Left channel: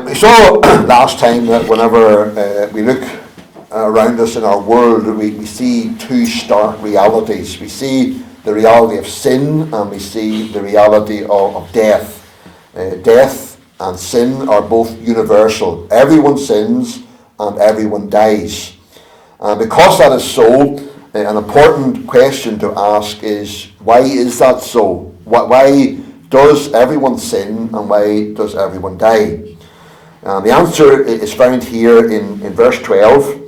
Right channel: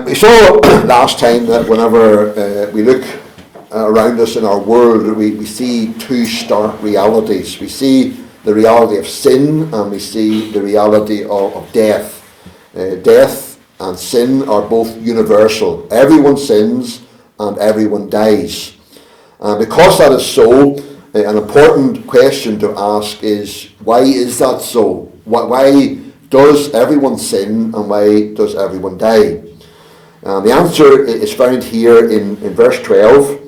We saw last time that whenever we look around us in our world, we see two stark realities. We see the reality of sin, and we see the reality of death. Death and sin are both universal. Everyone sins and everyone dies. And because that is so, an important question to ask is, why is that so? Why does everyone sin and why does everyone die? The answer is found here in verse 12.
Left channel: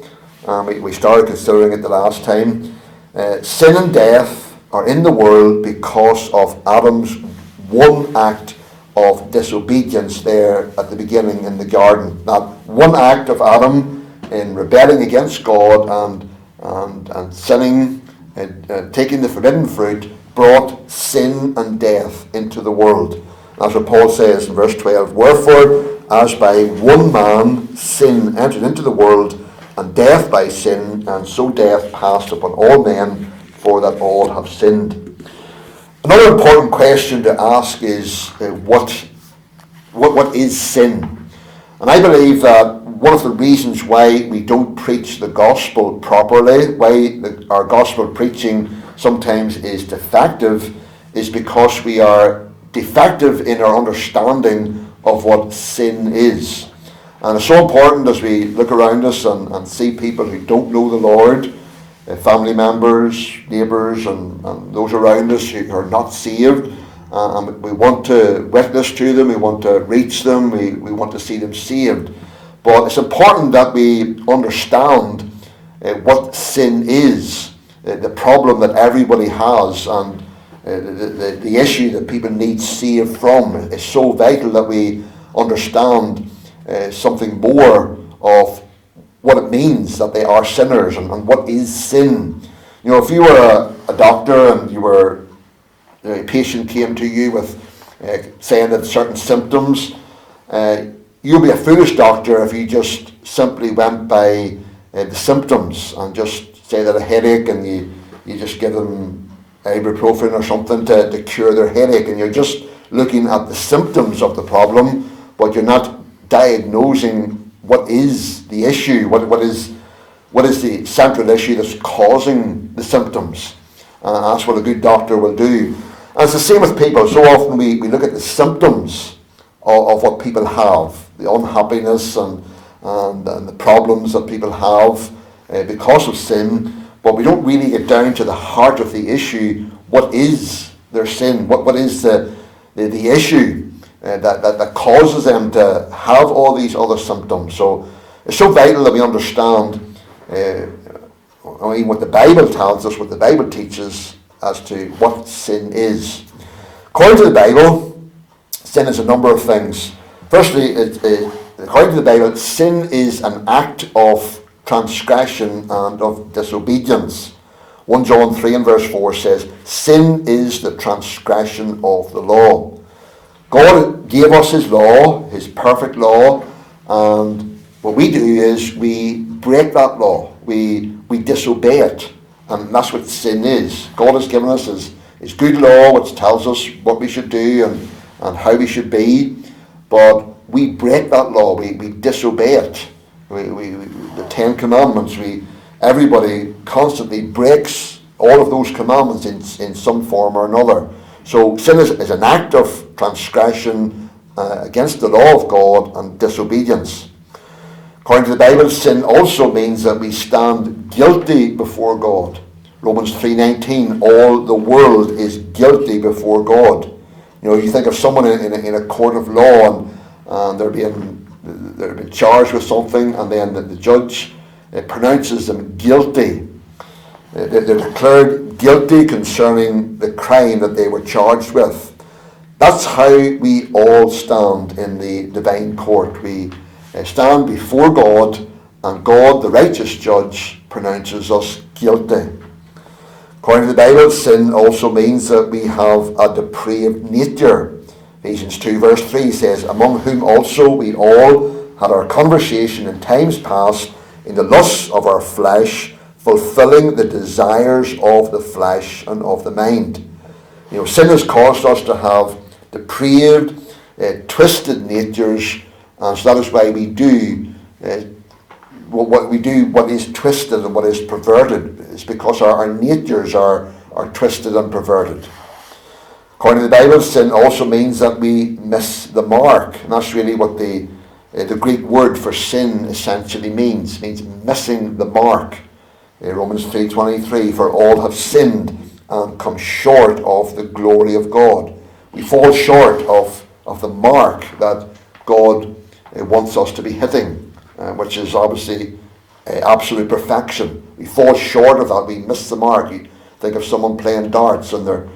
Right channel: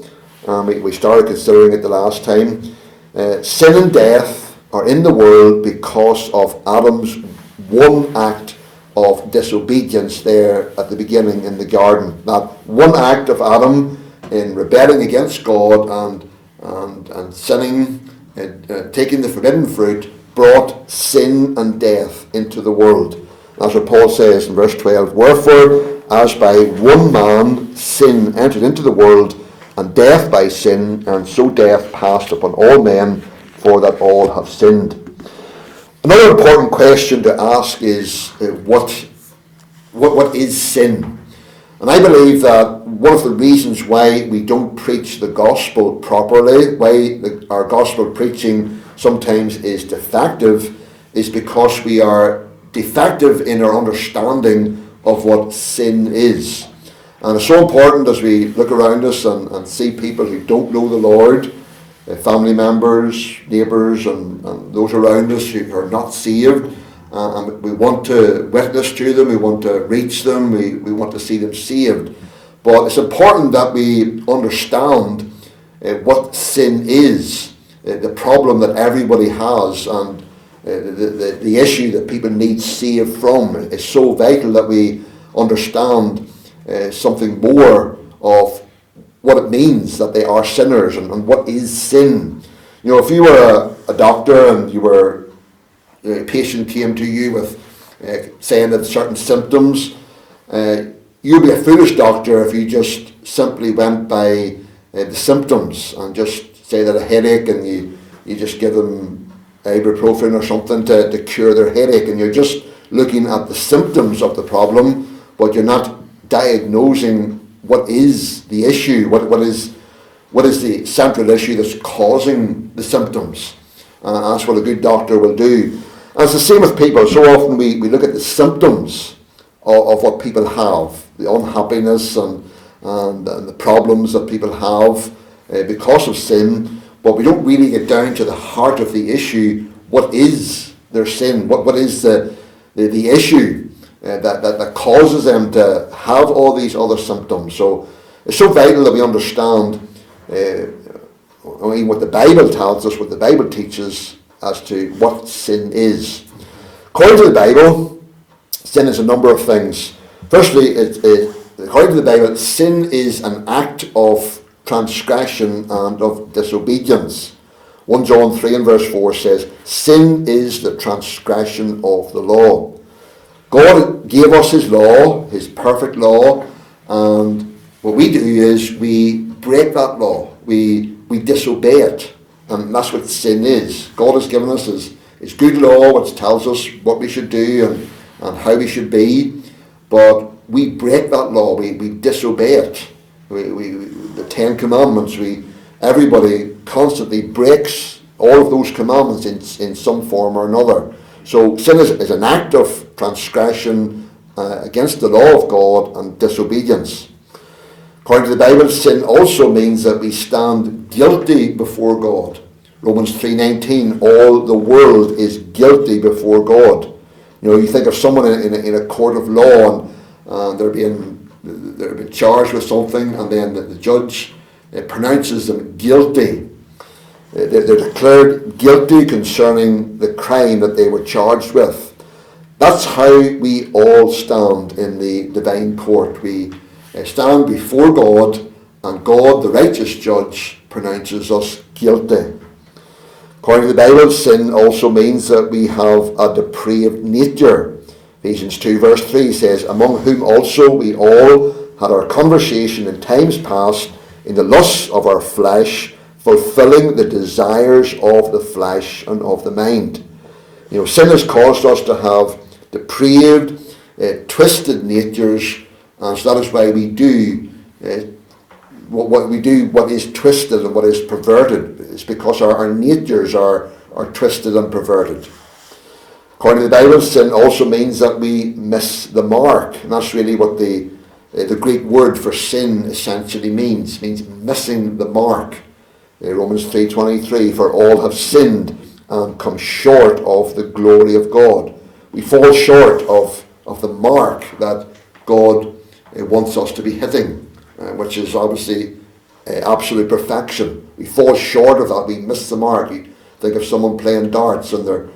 We started considering it the last time. Sin and death are in the world because of Adam's one act of disobedience there at the beginning in the garden. That one act of Adam in rebelling against God and sinning, taking the forbidden fruit, brought sin and death into the world. That's what Paul says in verse 12. Wherefore, as by one man sin entered into the world, and death by sin, and so death passed upon all men, for that all have sinned. Another important question to ask is, what is sin? And I believe that one of the reasons why we don't preach the gospel properly, why our gospel preaching sometimes is defective, is because we are defective in our understanding of what sin is. And it's so important as we look around us and see people who don't know the Lord, family members, neighbours, and those around us who are not saved. And we want to witness to them, we want to reach them, we want to see them saved. But it's important that we understand what sin is, the problem that everybody has, and the issue that people need saved from. It's so vital that we understand something more of what it means that they are sinners and what is sin. You know, if you were a doctor and a patient came to you with saying that certain symptoms, you'd be a foolish doctor if you just simply went by the symptoms and just say that a headache and you just give them ibuprofen or something to cure their headache, and you're just looking at the symptoms of the problem, but you're not diagnosing what is the issue, what is the central issue that's causing the symptoms. That's what a good doctor will do. And it's the same with people. So often we look at the symptoms of what people have, the unhappiness and the problems that people have because of sin, but we don't really get down to the heart of the issue. What is their sin? What is the issue that causes them to have all these other symptoms? So it's so vital that we understand what the Bible tells us, what the Bible teaches as to what sin is. According to the Bible, sin is a number of things. Firstly, according to the Bible, sin is an act of transgression and of disobedience. 1 John 3 and verse 4 says, sin is the transgression of the law. God gave us his law, his perfect law, and what we do is we break that law. We disobey it, and that's what sin is. God has given us his good law, which tells us what we should do and how we should be, but we break that law. We disobey it. The Ten Commandments, everybody constantly breaks all of those commandments in some form or another. So sin is an act of transgression against the law of God and disobedience. According to the Bible, sin also means that we stand guilty before God. Romans 3:19, all the world is guilty before God. You know, you think of someone in a court of law and they're being charged with something, and then the judge pronounces them guilty. They're declared guilty concerning the crime that they were charged with. That's how we all stand in the divine court. We stand before God, and God, the righteous judge, pronounces us guilty. According to the Bible, sin also means that we have a depraved nature. Ephesians 2 verse 3 says, among whom also we all had our conversation in times past in the lusts of our flesh, fulfilling the desires of the flesh and of the mind. Sin has caused us to have depraved, twisted natures And so that is why we do what is twisted and what is perverted. It's because our natures are twisted and perverted. According to the Bible, sin also means that we miss the mark. And that's really what the Greek word for sin essentially means. It means missing the mark. Romans 3:23, for all have sinned and come short of the glory of God. We fall short of the mark that God wants us to be hitting, which is obviously absolute perfection. We fall short of that. We miss the mark. You think of someone playing darts and they're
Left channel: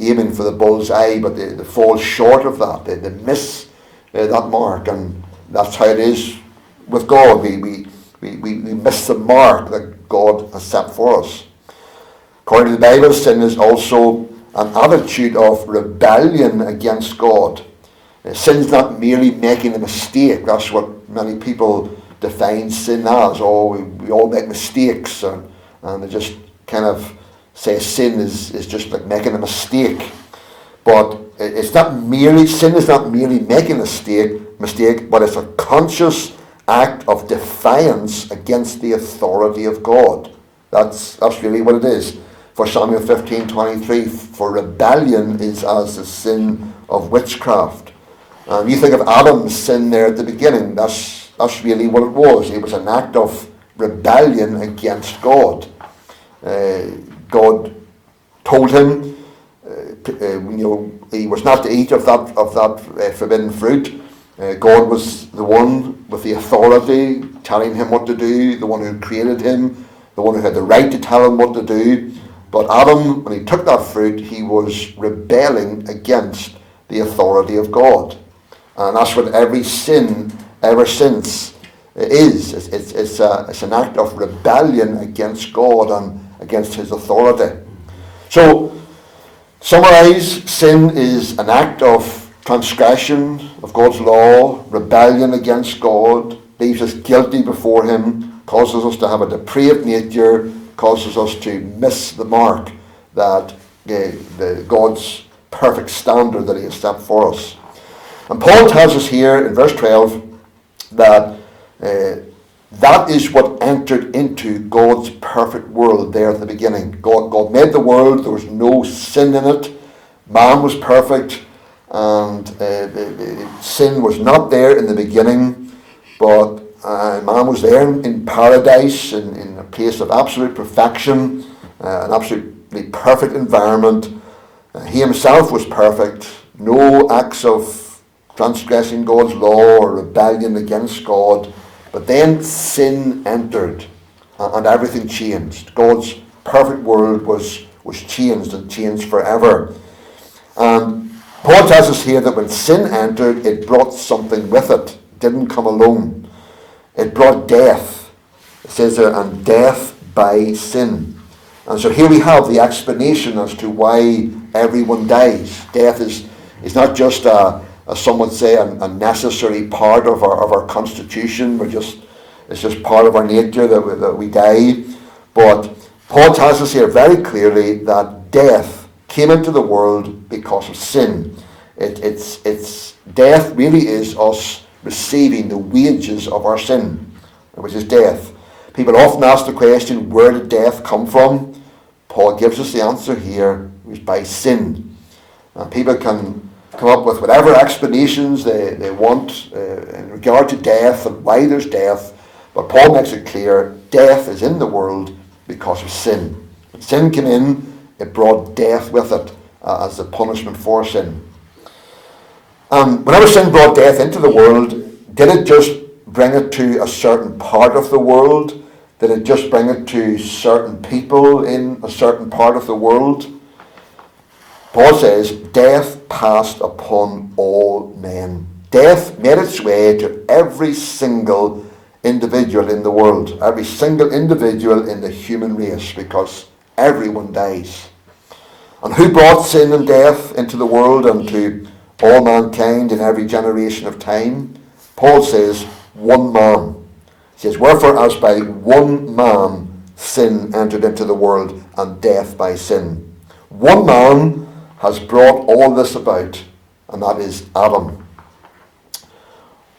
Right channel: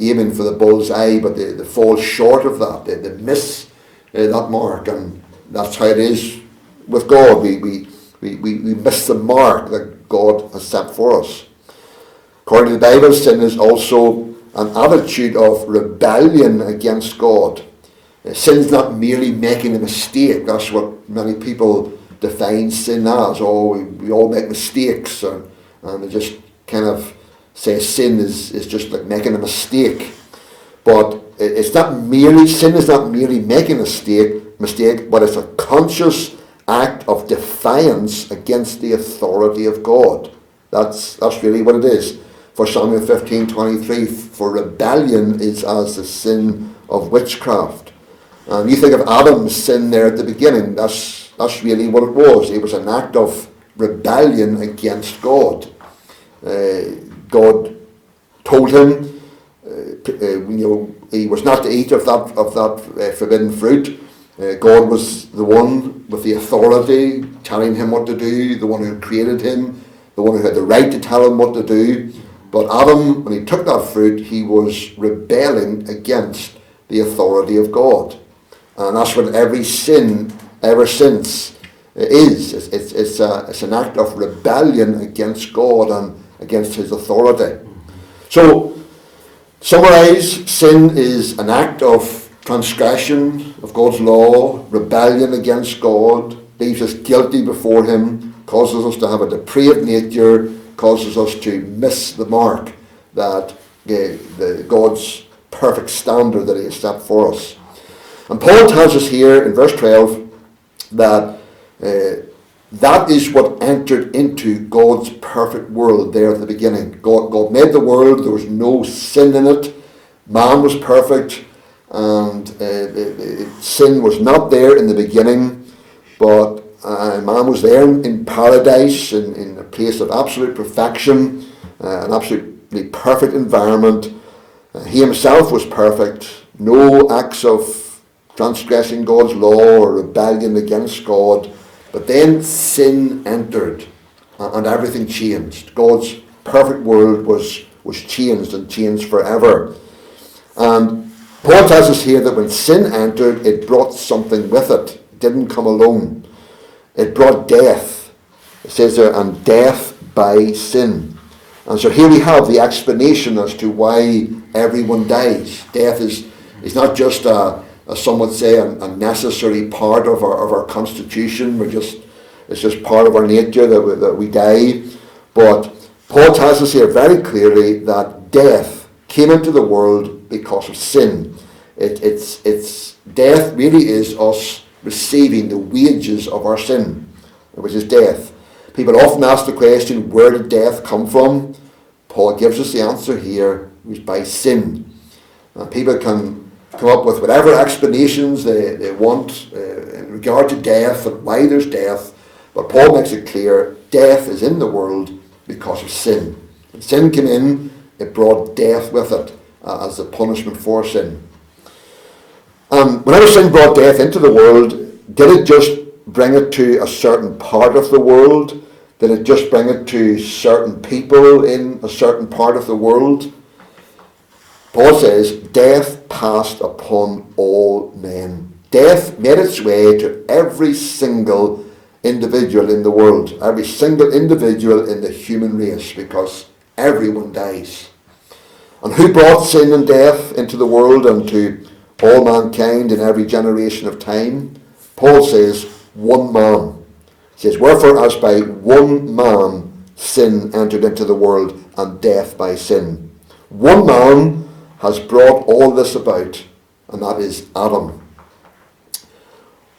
aiming for the bull's eye, but they fall short of that. They miss that mark, and that's how it is with God. We miss the mark that God has set for us. According to the Bible, sin is also an attitude of rebellion against God. Sin's not merely making a mistake. That's what many people define sin as. Oh, we all make mistakes, and they just kind of say sin is just like making a mistake. But sin is not merely making a mistake, but it's a conscious act of defiance against the authority of God. That's really what it is. For Samuel 15:23, for rebellion is as the sin of witchcraft. And you think of Adam's sin there at the beginning, that's really what it was. It was an act of rebellion against God. God told him, he was not to eat of that forbidden fruit. God was the one with the authority, telling him what to do, the one who created him, the one who had the right to tell him what to do. But Adam, when he took that fruit, he was rebelling against the authority of God. And that's what every sin ever since is. It's an act of rebellion against God and against his authority. So, summarize, sin is an act of transgression of God's law, rebellion against God, leaves us guilty before him, causes us to have a depraved nature, causes us to miss the mark that God's perfect standard that he has set for us. And Paul tells us here in verse 12 that that is what entered into God's perfect world there at the beginning. God made the world, there was no sin in it, man was perfect, and sin was not there in the beginning, but man was there in paradise, in a place of absolute perfection, an absolutely perfect environment. He himself was perfect, no acts of transgressing God's law or rebellion against God. But then sin entered and everything changed. God's perfect world was changed and changed forever. And Paul tells us here that when sin entered, it brought something with it. It didn't come alone. It brought death. It says there, and death by sin. And so here we have the explanation as to why everyone dies. Death is not just as some would say, a necessary part of our constitution. It's just part of our nature that we die. But Paul tells us here very clearly that death came into the world because of sin. It's death really is us receiving the wages of our sin, which is death. People often ask the question, where did death come from? Paul gives us the answer here, it was by sin. And people can come up with whatever explanations they want in regard to death and why there's death, but Paul makes it clear death is in the world because of sin. When sin came in, it brought death with it as the punishment for sin. And whenever sin brought death into the world, did it just bring it to a certain part of the world? Did it just bring it to certain people in a certain part of the world? Paul says, death passed upon all men. Death made its way to every single individual in the world, every single individual in the human race, because everyone dies. And who brought sin and death into the world and to all mankind in every generation of time? Paul says, one man. He says, wherefore as by one man sin entered into the world, and death by sin. One man has brought all this about, and that is Adam.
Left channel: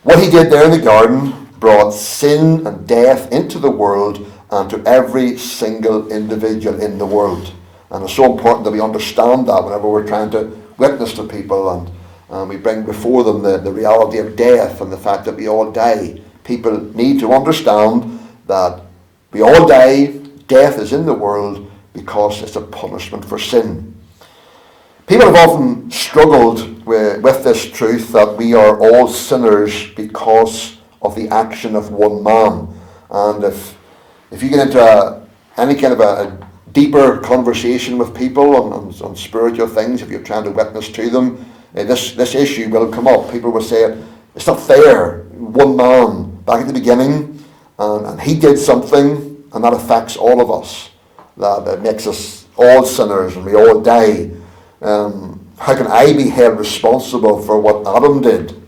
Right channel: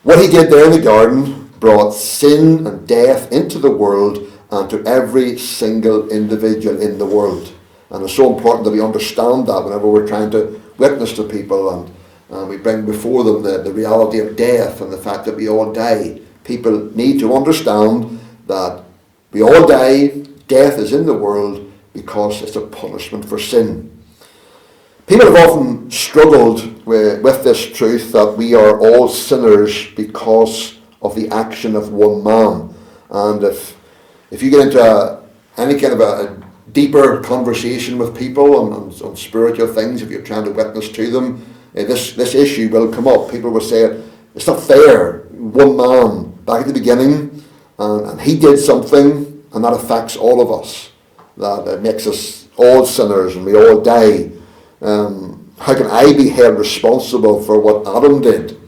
What he did there in the garden brought sin and death into the world and to every single individual in the world. And it's so important that we understand that whenever we're trying to witness to people and we bring before them the reality of death and the fact that we all die. People need to understand that we all die, death is in the world because it's a punishment for sin. People have often struggled with this truth that we are all sinners because of the action of one man. And if you get into any kind of a deeper conversation with people on spiritual things, if you're trying to witness to them, this issue will come up. People will say, it's not fair. One man back at the beginning, and he did something, and that affects all of us. That makes us all sinners, and we all die. How can I be held responsible for what Adam did?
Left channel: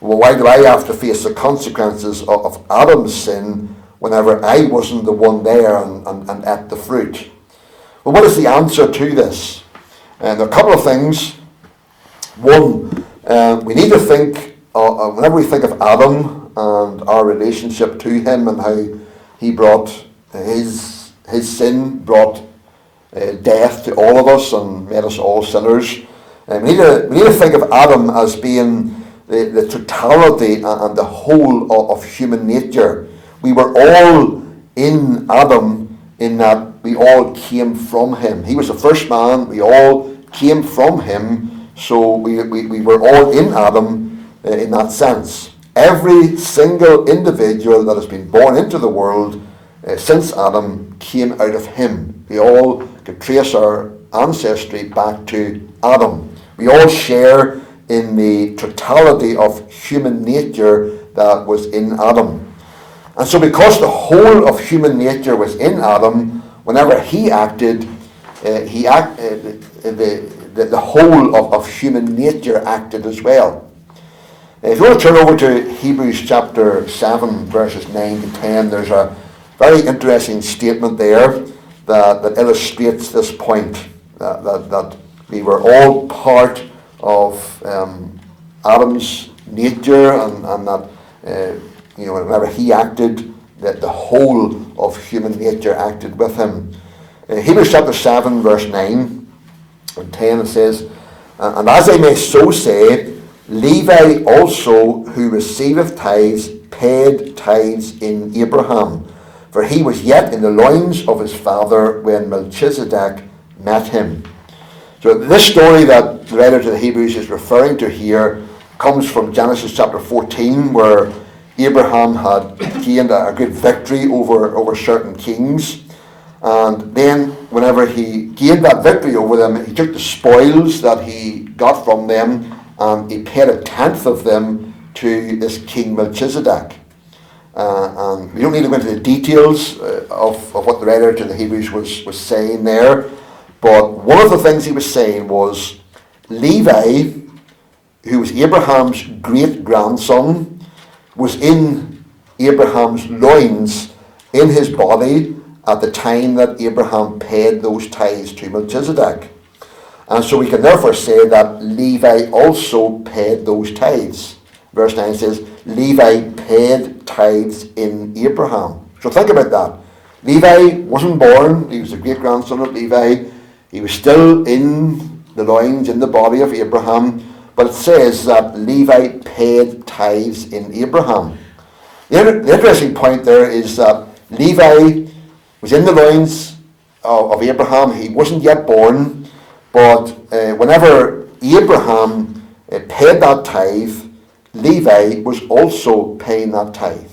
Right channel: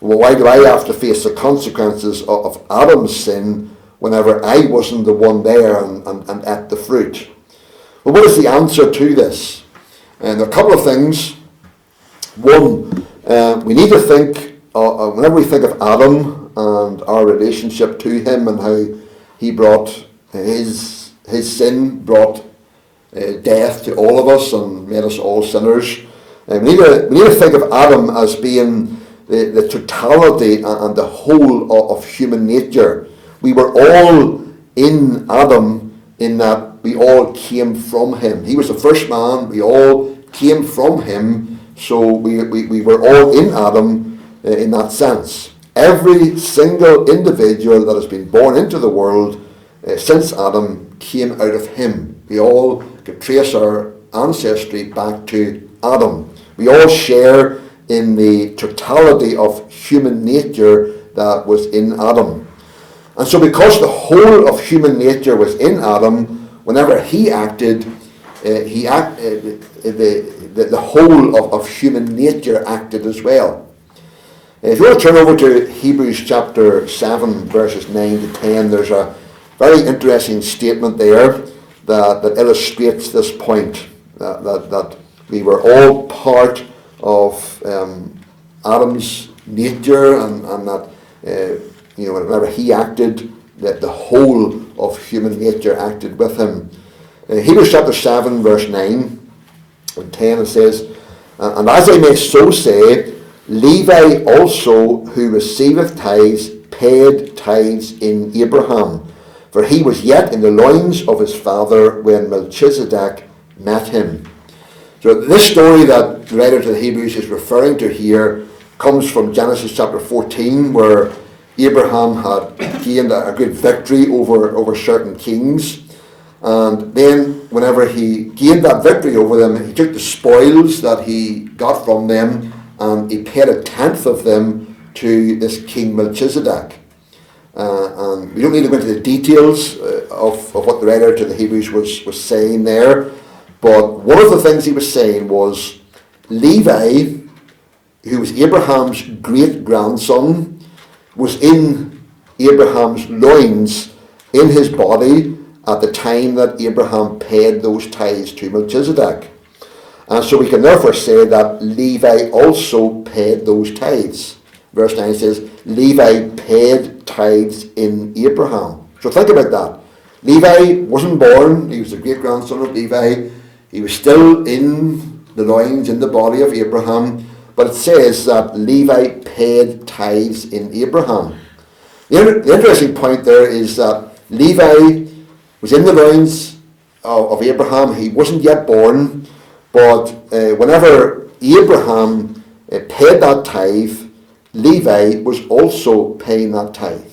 Well, why do I have to face the consequences of Adam's sin whenever I wasn't the one there and ate the fruit? Well, what is the answer to this? And there are a couple of things. One, we need to think, whenever we think of Adam and our relationship to him and how he brought his sin brought death to all of us and made us all sinners. We need to think of Adam as being the totality and the whole of human nature. We were all in Adam in that we all came from him. He was the first man. We all came from him. So we were all in Adam in that sense. Every single individual that has been born into the world since Adam came out of him. We all can trace our ancestry back to Adam. We all share in the totality of human nature that was in Adam. And so because the whole of human nature was in Adam, whenever he acted, the whole of human nature acted as well. If you want to turn over to Hebrews chapter 7, verses 9 to 10, there's a very interesting statement there that illustrates this point, that we were all part of Adam's nature, and that whenever he acted, that the whole of human nature acted with him. Hebrews chapter 7, verse 9 and 10, it says, and as I may so say, Levi also, who receiveth tithes, paid tithes in Abraham, for he was yet in the loins of his father when Melchizedek met him. So this story that the writer to the Hebrews is referring to here comes from Genesis chapter 14, where Abraham had gained a good victory over certain kings. And then whenever he gained that victory over them, he took the spoils that he got from them and he paid a tenth of them to this King Melchizedek. And we don't need to go into the details of what the writer to the Hebrews was saying there, but one of the things he was saying was Levi, who was Abraham's great-grandson, was in Abraham's loins, in his body, at the time that Abraham paid those tithes to Melchizedek. And so we can therefore say that Levi also paid those tithes. Verse 9 says, Levi paid tithes in Abraham. So think about that. Levi wasn't born, he was the great-grandson of Levi. He was still in the loins, in the body of Abraham. But it says that Levi paid tithes in Abraham. The interesting point there is that Levi was in the loins of Abraham. He wasn't yet born, but whenever Abraham paid that tithe, Levi was also paying that tithe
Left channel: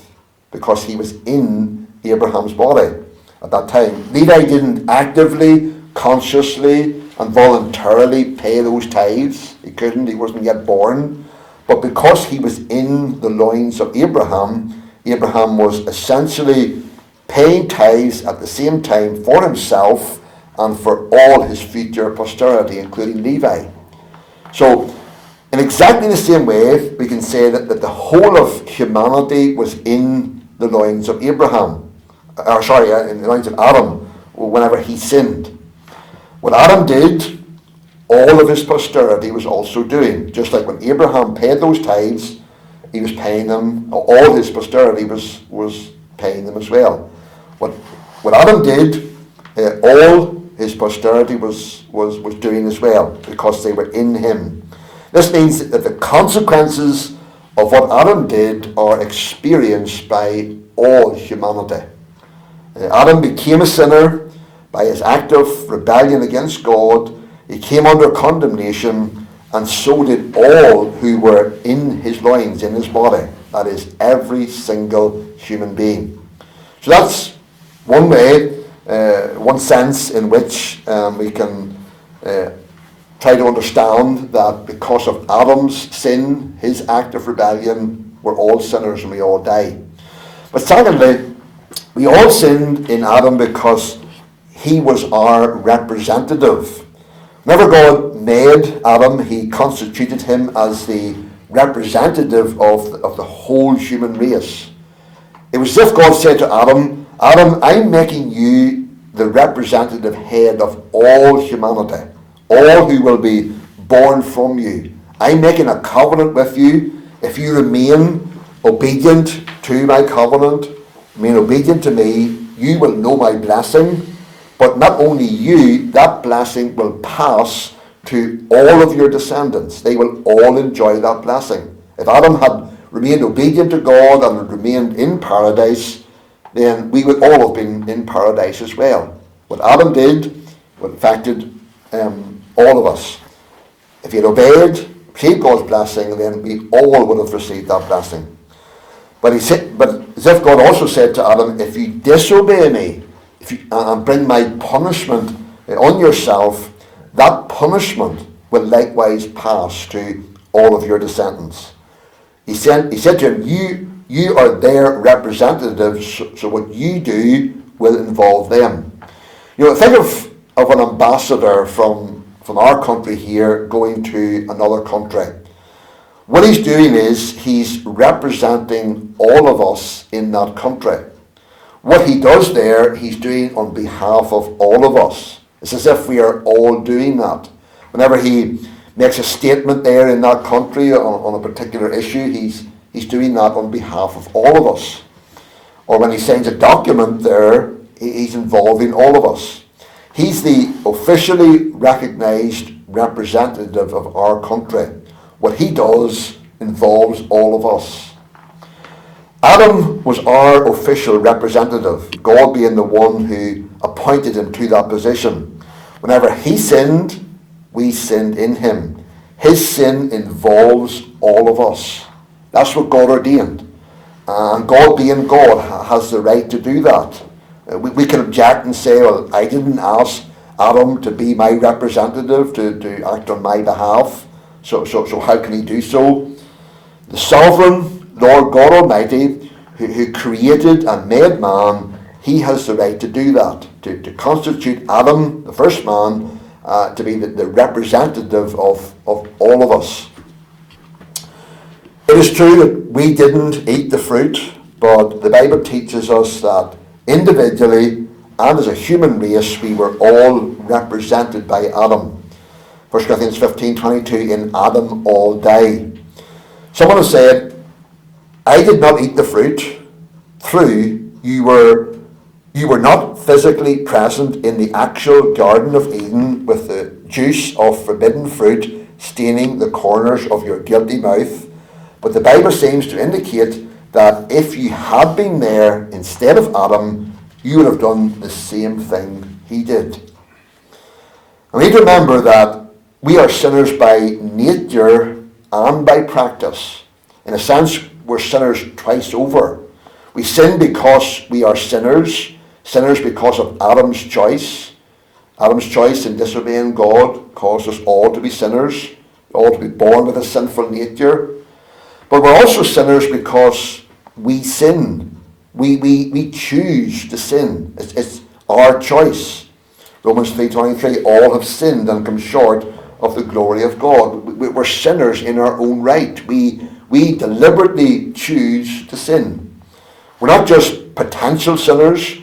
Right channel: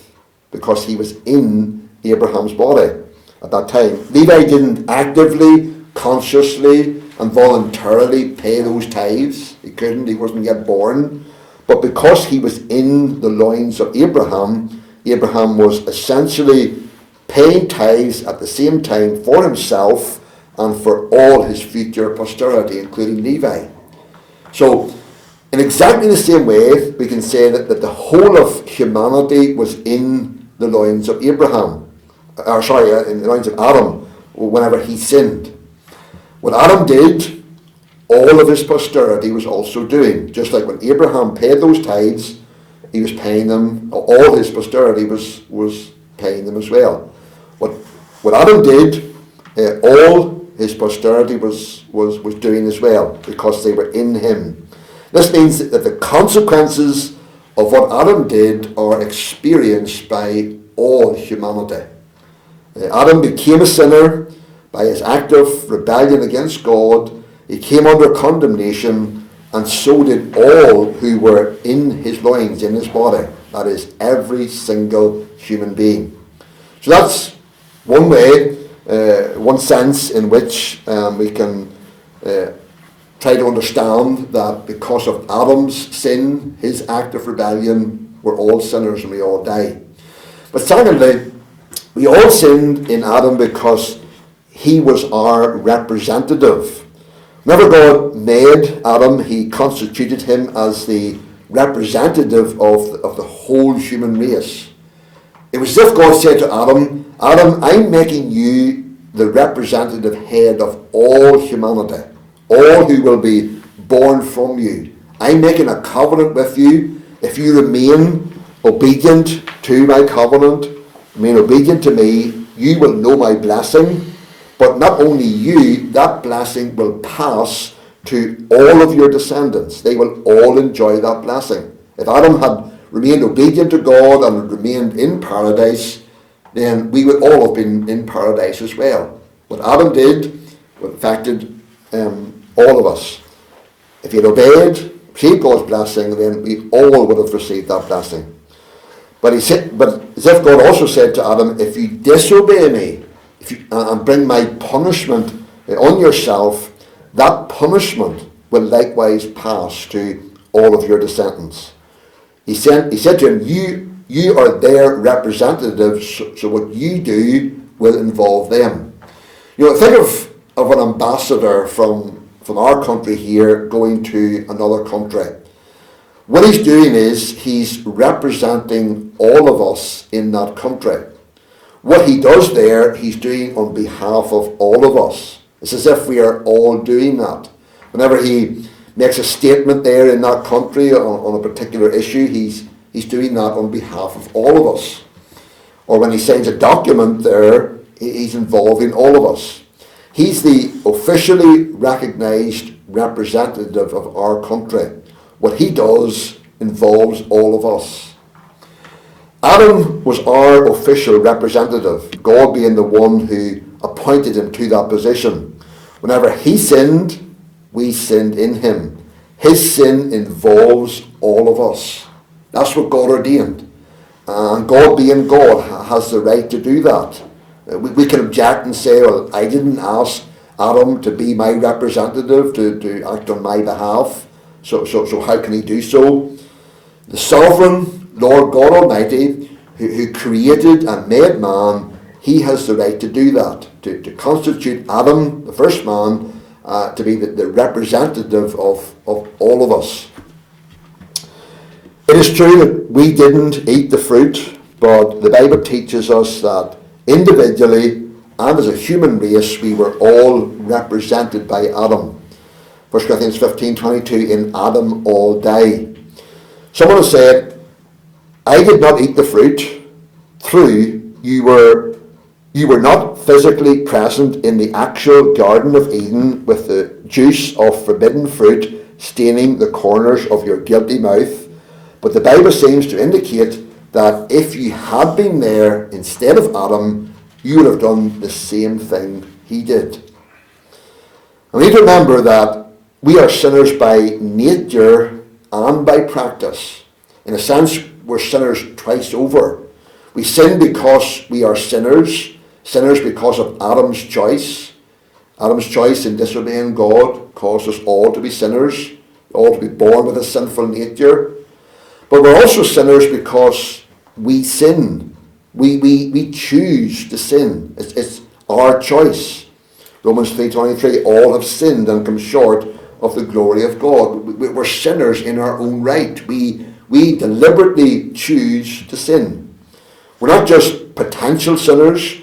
because he was in Abraham's body at that time. Levi didn't actively, consciously, and voluntarily pay those tithes. He couldn't, he wasn't yet born. But because he was in the loins of Abraham, Abraham was essentially paying tithes at the same time for himself and for all his future posterity, including Levi. So, in exactly the same way, we can say that the whole of humanity was in the loins of Abraham. In the loins of Adam, whenever he sinned. What Adam did, all of his posterity was also doing. Just like when Abraham paid those tithes, he was paying them. All his posterity was paying them as well. What Adam did, all his posterity was doing as well, because they were in him. This means that the consequences of what Adam did are experienced by all humanity. Adam became a sinner by his act of rebellion against God. He came under condemnation, and so did all who were in his loins, in his body. That is, every single human being. So that's one way, one sense in which we can try to understand that because of Adam's sin, his act of rebellion, we're all sinners and we all die. But secondly, we all sinned in Adam because he was our representative. Whenever God made Adam, he constituted him as the representative of the whole human race. It was as if God said to Adam, Adam, I'm making you the representative head of all humanity, all who will be born from you. I'm making a covenant with you. If you remain obedient to my covenant, remain obedient to me, you will know my blessing. But not only you, that blessing will pass to all of your descendants. They will all enjoy that blessing. If Adam had remained obedient to God and remained in paradise, then we would all have been in paradise as well. What Adam did affected all of us. If he had obeyed, received God's blessing, then we all would have received that blessing. But as if God also said to Adam, if you disobey me and bring my punishment on yourself, that punishment will likewise pass to all of your descendants. He said to him, you are their representatives, so what you do will involve them. Think of an ambassador from our country here going to another country. What he's doing is he's representing all of us in that country. What he does there, he's doing on behalf of all of us. It's as if we are all doing that. Whenever he makes a statement there in that country on a particular issue, he's doing that on behalf of all of us. Or when he signs a document there, he's involving all of us. He's the officially recognized representative of our country. What he does involves all of us. Adam was our official representative, God being the one who appointed him to that position. Whenever he sinned, we sinned in him. His sin involves all of us. That's what God ordained. And God being God has the right to do that. We can object and say, well, I didn't ask Adam to be my representative, to act on my behalf, so how can he do so? The sovereign Lord God Almighty, who created and made man, he has the right to do that, to constitute Adam, the first man, to be the representative of all of us. It is true that we didn't eat the fruit, but the Bible teaches us that individually and as a human race, we were all represented by Adam. 1 Corinthians 15:22, in Adam all die. Someone has said, I did not eat the fruit. True, you were not physically present in the actual Garden of Eden with the juice of forbidden fruit staining the corners of your guilty mouth. But the Bible seems to indicate that if you had been there instead of Adam, you would have done the same thing he did. And we need to remember that we are sinners by nature and by practice. In a sense, we're sinners twice over. We sin because we are sinners because of Adam's choice. Adam's choice in disobeying God caused us all to be sinners, all to be born with a sinful nature. But we're also sinners because we sin. We choose to sin. It's our choice. Romans 3:23, all have sinned and come short of the glory of God. We're sinners in our own right. We deliberately choose to sin. We're not just potential sinners,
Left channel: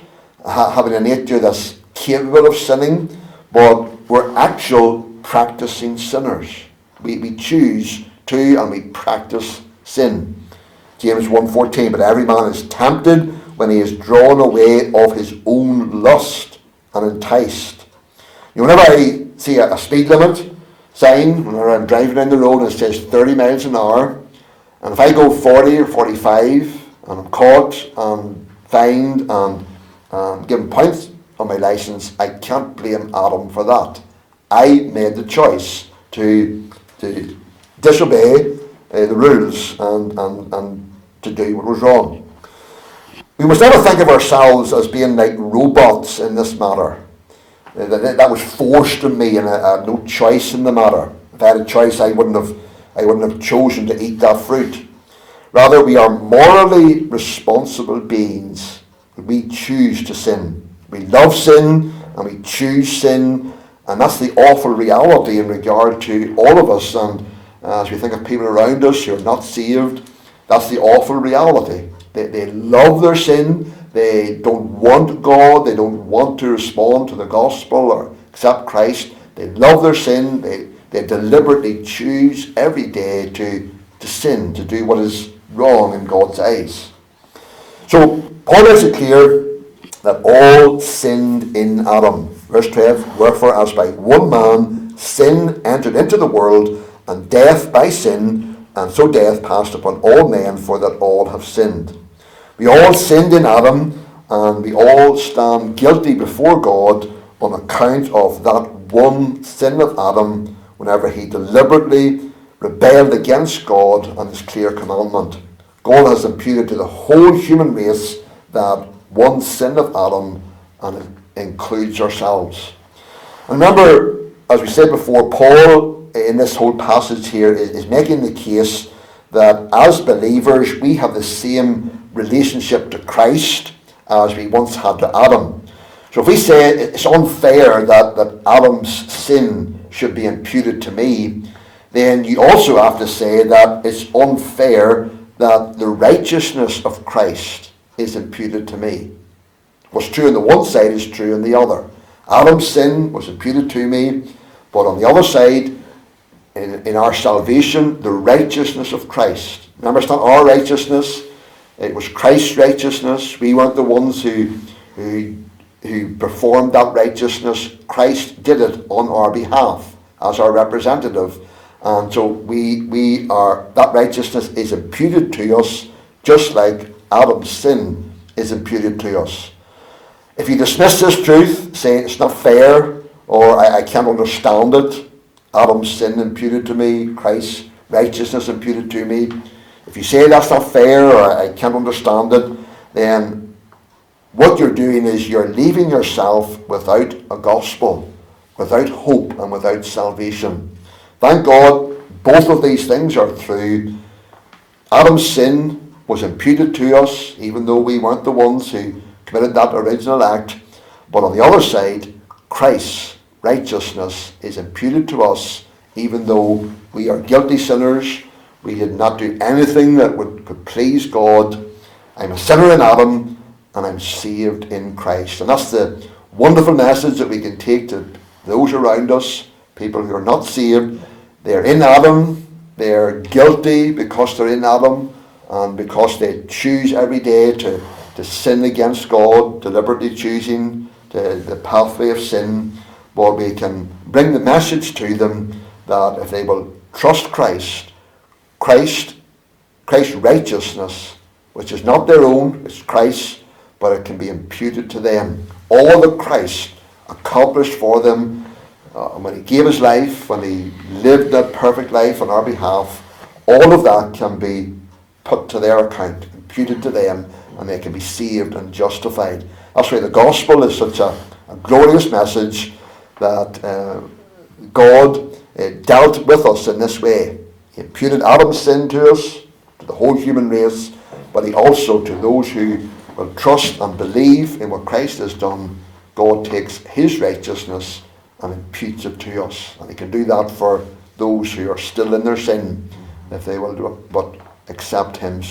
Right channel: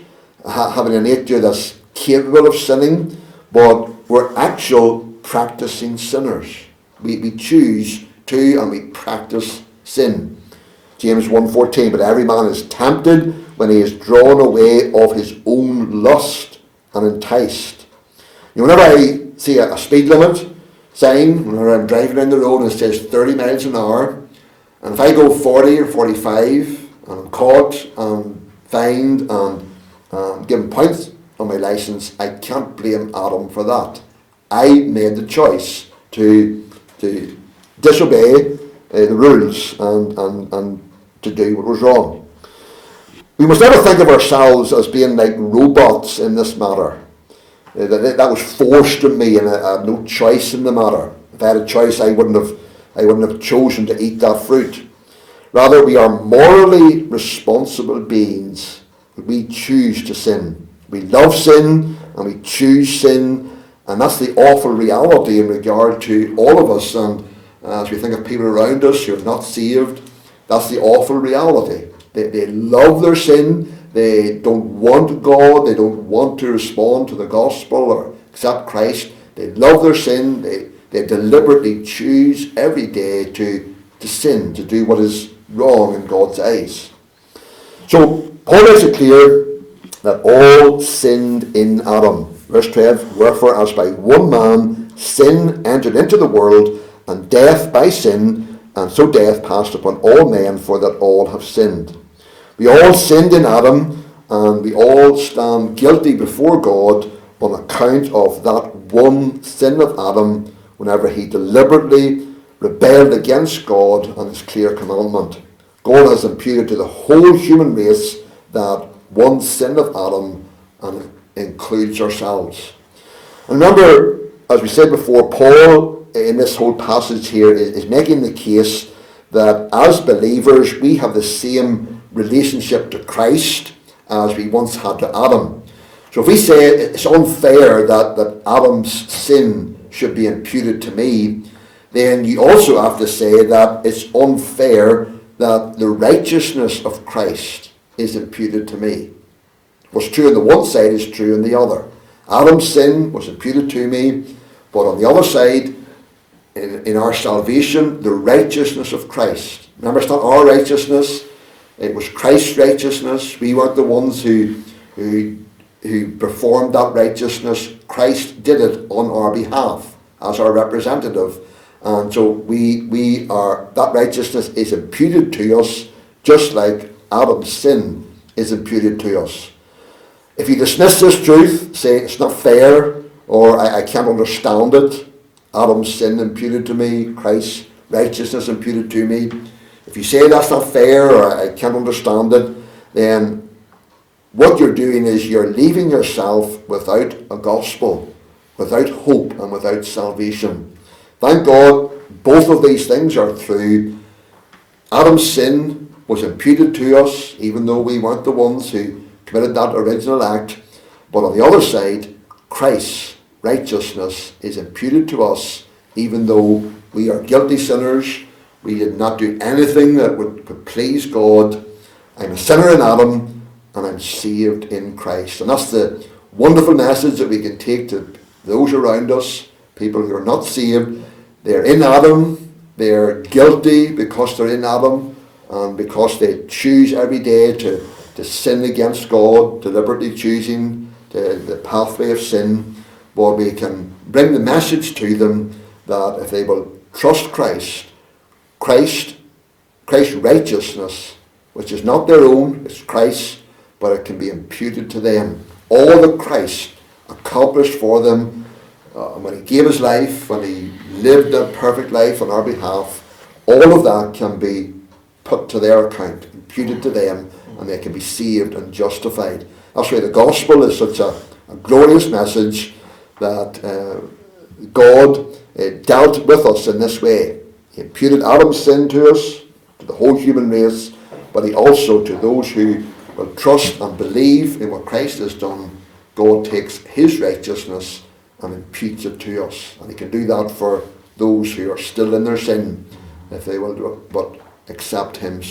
having a nature that's capable of sinning, but we're actual practicing sinners. We choose to and we practice sin. James 1:14, but every man is tempted when he is drawn away of his own lust and enticed. Whenever I see a speed limit sign, whenever I'm driving down the road and it says 30 miles an hour, and if I go 40 or 45 and I'm caught and fined and given points on my license, I can't blame Adam for that. I made the choice to disobey the rules and to do what was wrong. We must never think of ourselves as being like robots in this matter. That was forced on me, and I had no choice in the matter. If I had a choice, I wouldn't have chosen to eat that fruit. Rather, we are morally responsible beings. We choose to sin. We love sin and we choose sin, and that's the awful reality in regard to all of us. And as we think of people around us who are not saved, that's the awful reality. They love their sin. They don't want God. They don't want to respond to the gospel or accept Christ. They love their sin. They deliberately choose every day to sin, to do what is wrong in God's eyes. So Paul makes it clear that all sinned in Adam. Verse 12, wherefore as by one man sin entered into the world, and death by sin, and so death passed upon all men, for that all have sinned. We all sinned in Adam, and we all stand guilty before God on account of that one sin of Adam, whenever he deliberately rebelled against God and his clear commandment. God has imputed to the whole human race that one sin of Adam, and it includes ourselves. And remember, as we said before, Paul in this whole passage here is making the case that as believers we have the same relationship to Christ as we once had to Adam. So if we say it's unfair that Adam's sin should be imputed to me, then you also have to say that it's unfair that the righteousness of Christ is imputed to me. What's true on the one side is true on the other. Adam's sin was imputed to me, but on the other side, in our salvation, the righteousness of Christ. Remember, it's not our righteousness. It was Christ's righteousness. We weren't the ones who performed that righteousness. Christ did it on our behalf as our representative. And so that righteousness is imputed to us just like Adam's sin is imputed to us. If you dismiss this truth, say it's not fair or I can't understand it, Adam's sin imputed to me, Christ's righteousness imputed to me, if you say that's not fair or I can't understand it, then what you're doing is you're leaving yourself without a gospel, without hope and without salvation. Thank God both of these things are true. Adam's sin was imputed to us, even though we weren't the ones who committed that original act. But on the other side, Christ's righteousness is imputed to us, even though we are guilty sinners. We did not do anything that would please God. I'm a sinner in Adam, and I'm saved in Christ. And that's the wonderful message that we can take to those around us, people who are not saved. They're in Adam, they're guilty because they're in Adam, and because they choose every day to sin against God, deliberately choosing the pathway of sin. But we can bring the message to them that if they will trust Christ's righteousness, which is not their own, it's Christ's, but it can be imputed to them. All that Christ accomplished for them when he gave his life, when he lived that perfect life on our behalf, all of that can be put to their account, imputed to them, and they can be saved and justified. That's why the gospel is such a glorious message, that God dealt with us in this way. He imputed Adam's sin to us, to the whole human race, but he also, to those who will trust and believe in what Christ has done, God takes his righteousness and imputes it to us. And he can do that for those who are still in their sin, if they will but accept him.